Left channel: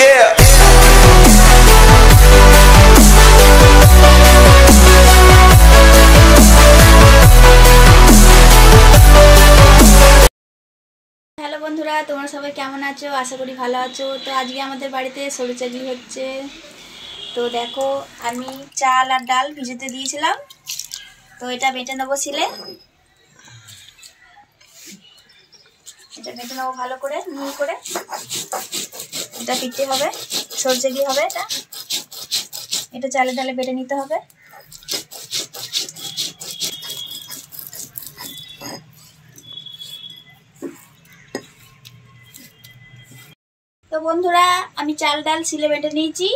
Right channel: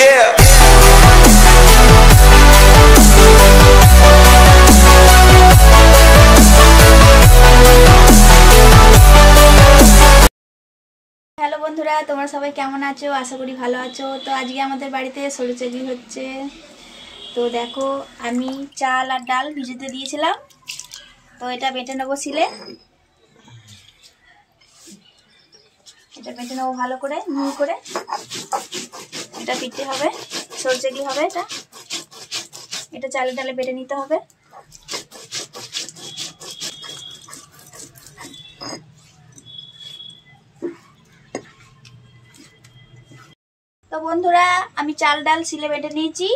Yeah. Hello বন্ধুরা, তোমরা সবাই কেমন আছো? আশা করি ভালো আছো। তো আজকে আমাদের বাড়িতে সরু চাকলি হচ্ছে। তো দেখো, আমি চাল আর ডাল ভিজাতে দিয়েছিলাম, তো এটা বেটে নেবো শিলে। এটা বেটে নেবো ভালো করে, মিহি করে। এটা পিঠে হবে, সরু চাকলি হবে। এটা চালে ডালে বেটে নিতে হবে। তো বন্ধুরা, আমি চাল ডাল শিলে বেটে নিয়েছি।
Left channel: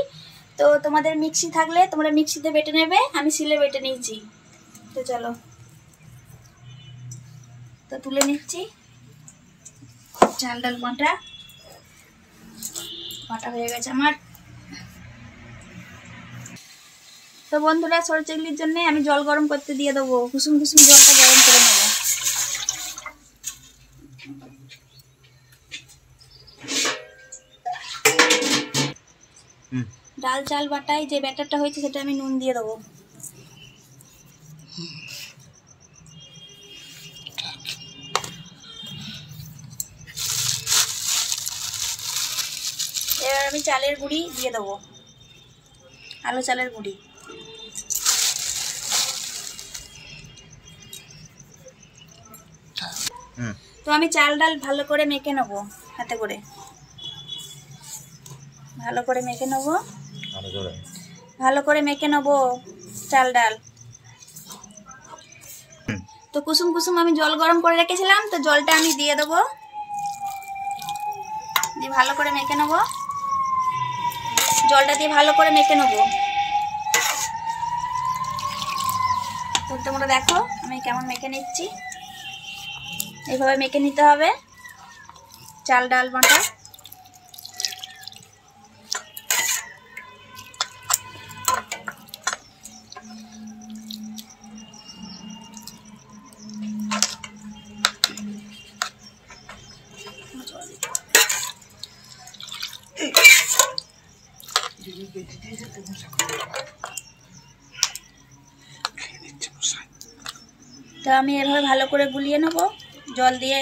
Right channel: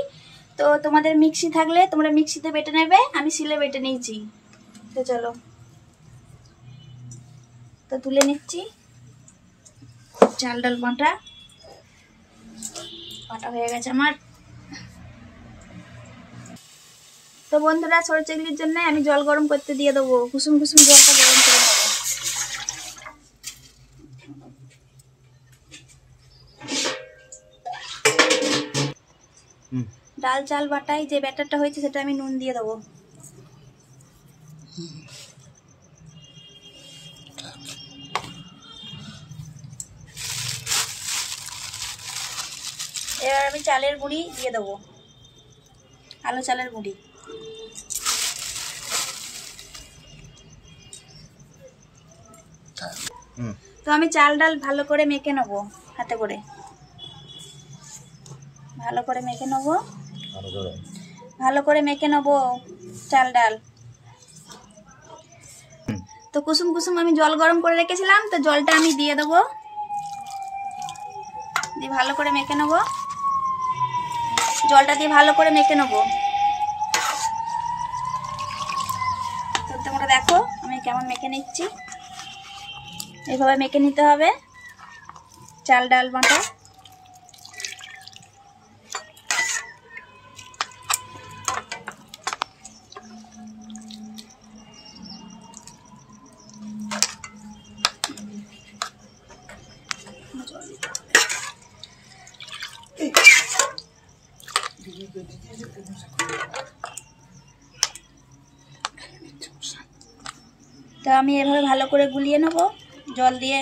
তো তোমাদের মিক্সি থাকলে তোমরা মিক্সিতে বেটে নেবে, আমি শিলে বেটে নিয়েছি। তো চলো, তো তুলে নিচ্ছি। চাল ডাল বাটা হয়ে গেছে আমার। তো বন্ধুরা, সরু চাকলির জন্য আমি জল গরম করতে দিয়ে দেবো। কুসুম কুসুম জলটা গরম করে নেবো। ডাল চাল বাটায় যে ব্যাটারটা হয়েছে সেটা আমি নুন দিয়ে দেবো। এবার আমি চালের গুঁড়ি দিয়ে দেবো, আলো চালের গুঁড়ি। তো আমি চাল ডাল ভালো করে মেখে নেবো, হাতে করে ভালো করে মেখে নেবো, ভালো করে মেখে নেবো চাল ডাল। তো কুসুম কুসুম আমি জল গরম করে রেখেছিলাম, তো জলটা আমি দিয়ে দেবো, দিয়ে ভালো করে মেখে নেবো। জলটা দিয়ে ভালো করে মেখে নেবো। তো তোমরা দেখো আমি কেমন মেখে নিচ্ছি। এইভাবে মেখে নিতে হবে চাল ডাল বাটা। তো আমি এভাবে ভালো করে গুলিয়ে নেব, জল দিয়ে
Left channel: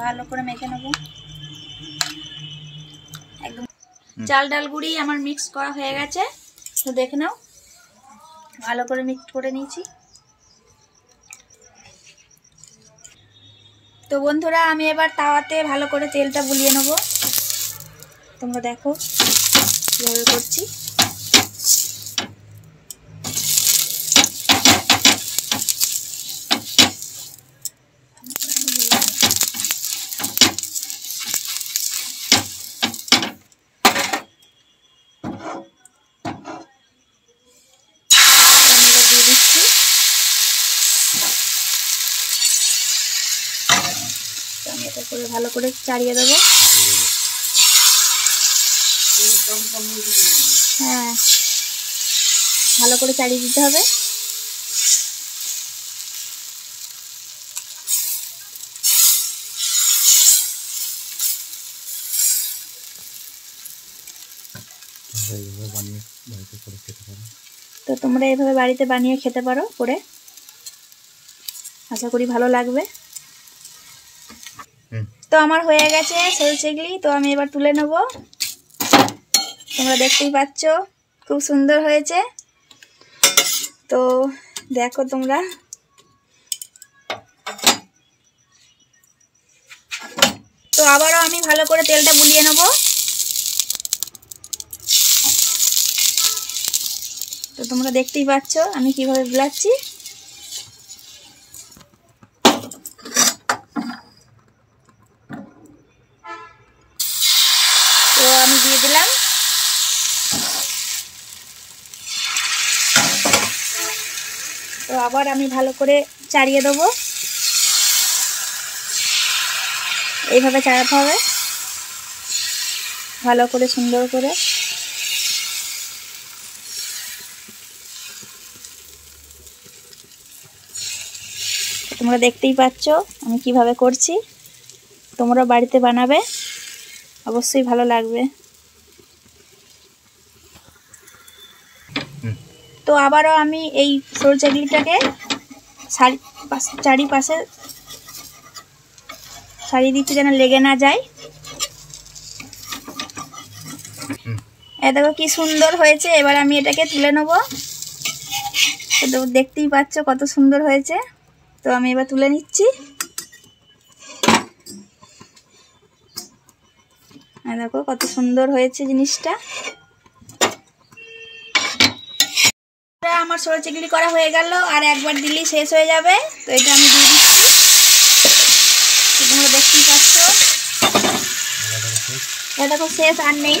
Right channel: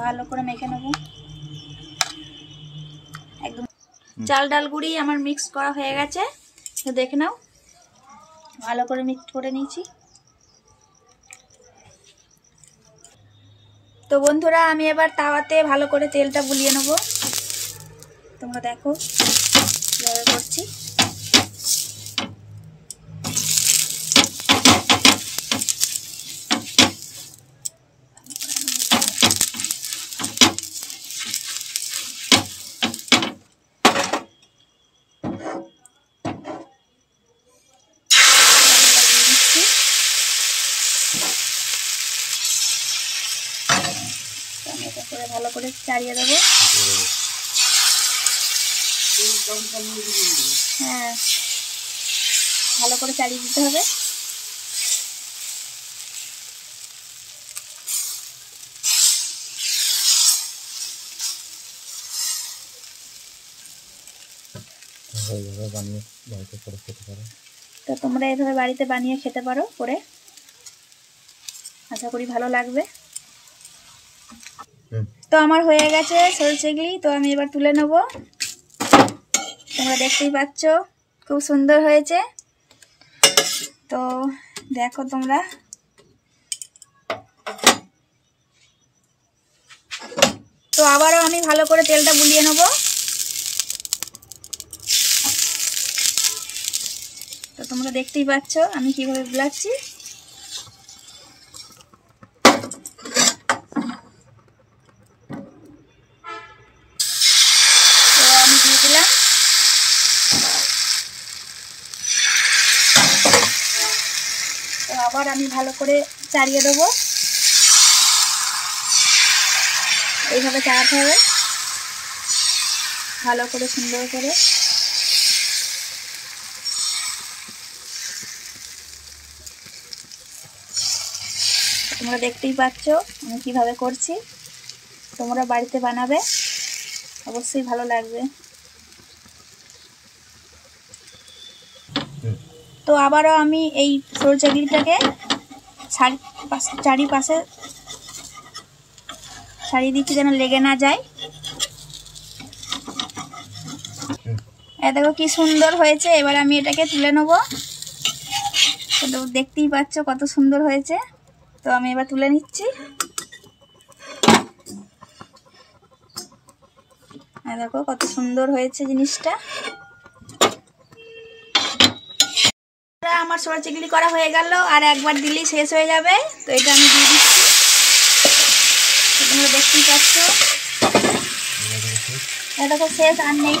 ভালো করে মেখে নেব একদম। চাল ডাল গুঁড়ি আমার মিক্স করা হয়ে গেছে, তো দেখে নাও ভালো করে মিক্স করে নিয়েছি। তো বন্ধুরা, আমি এবার তাওয়াতে ভালো করে তেলটা বুলিয়ে নেব। তোমরা দেখো কিভাবে করছি। আমি এটা করে ভালো করে চাড়িয়ে দেবো। হ্যাঁ, ভালো করে চাড়িয়ে দিতে হবে। তো তোমরা এইভাবে বাড়িতে বানিয়ে খেতে পারো করে, আশা করি ভালো লাগবে। তো আমার হয়ে গেছে সরু চাকলি, তো আমি এবার তুলে নেব। তোমরা দেখতেই পাচ্ছ খুব সুন্দর হয়েছে। তো দেখো তোমরা, তো আবারও আমি ভালো করে তেলটা বুলিয়ে নেব। তো তোমরা দেখতেই পাচ্ছ আমি কিভাবে বুলাচ্ছি। তো আমি দিয়ে দিলাম। তো আবার আমি ভালো করে চাড়িয়ে দেবো। এইভাবে চাড়াতে হবে ভালো করে, সুন্দর করে। তোমরা দেখতেই পাচ্ছ আমি কিভাবে করছি। তোমরা বাড়িতে বানাবে, অবশ্যই ভালো লাগবে। তো আবারও আমি এই সরু চাকলিটাকে চারিপাশে ছাড়িয়ে দিচ্ছি যেন লেগে না যায়। এ দেখো কি সুন্দর হয়েছে। এবার আমি এটাকে তুলে নেব। তো দেখতেই পাচ্ছ কত সুন্দর হয়েছে। তো আমি এবার তুলে নিচ্ছি। দেখো কত সুন্দর হয়েছে জিনিসটা। আমার সরু চিংড়ি করা হয়ে গেল, আর একবার দিলেই শেষ হয়ে যাবে। তো এটা আমি দিয়ে দিচ্ছি। তোমরা দেখতেই পাচ্ছ এটা দেখো শেষ আর নেই।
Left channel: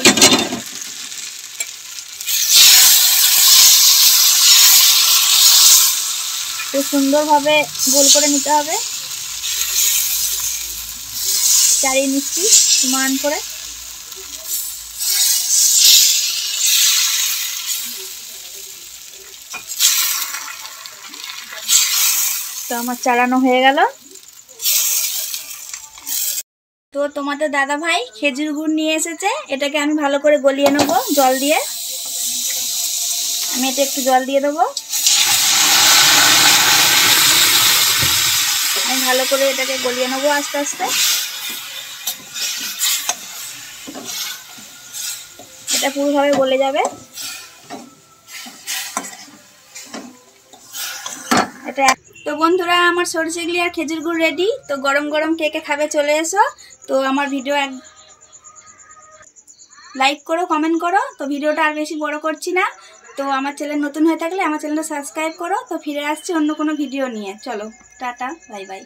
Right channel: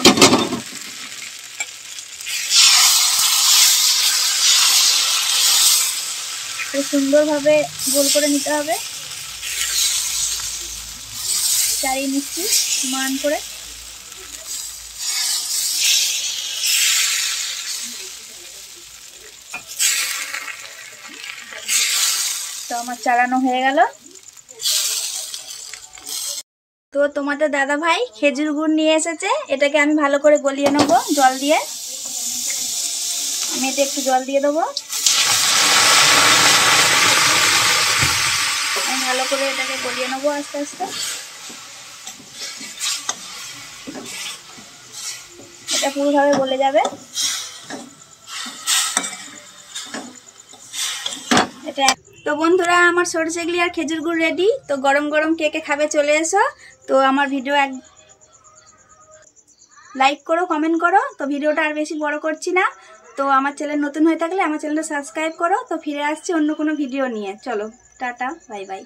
তো সুন্দরভাবে গোল করে নিতে হবে। চাড়িয়ে নিচ্ছি সমান করে। তো আমার চাড়ানো হয়ে গেল। তো তোমাদের দাদা ভাই খেজুর গুড় নিয়ে এসেছে। এটাকে আমি ভালো করে গলিয়ে নেব জল দিয়ে। আমি এটা একটু জল দিয়ে দেবো। আমি ভালো করে এটাকে গলিয়ে নেবো আস্তে আস্তে। এটা পুরোভাবে গলে যাবে। এটা তো বন্ধুরা আমার সরু চিংড়ি আর খেজুর গুড় রেডি। তো গরম গরম কে কে খাবে চলে এসো। তো আমার ভিডিও লাইক করো, কমেন্ট করো। তো ভিডিওটা আর বেশি বড় করছি না। তো আমার চ্যানেল নতুন হয়ে থাকলে আমার চ্যানেলটা সাবস্ক্রাইব করো। তো ফিরে আসছি অন্য কোনো ভিডিও নিয়ে। চলো টাটা, বাই বাই।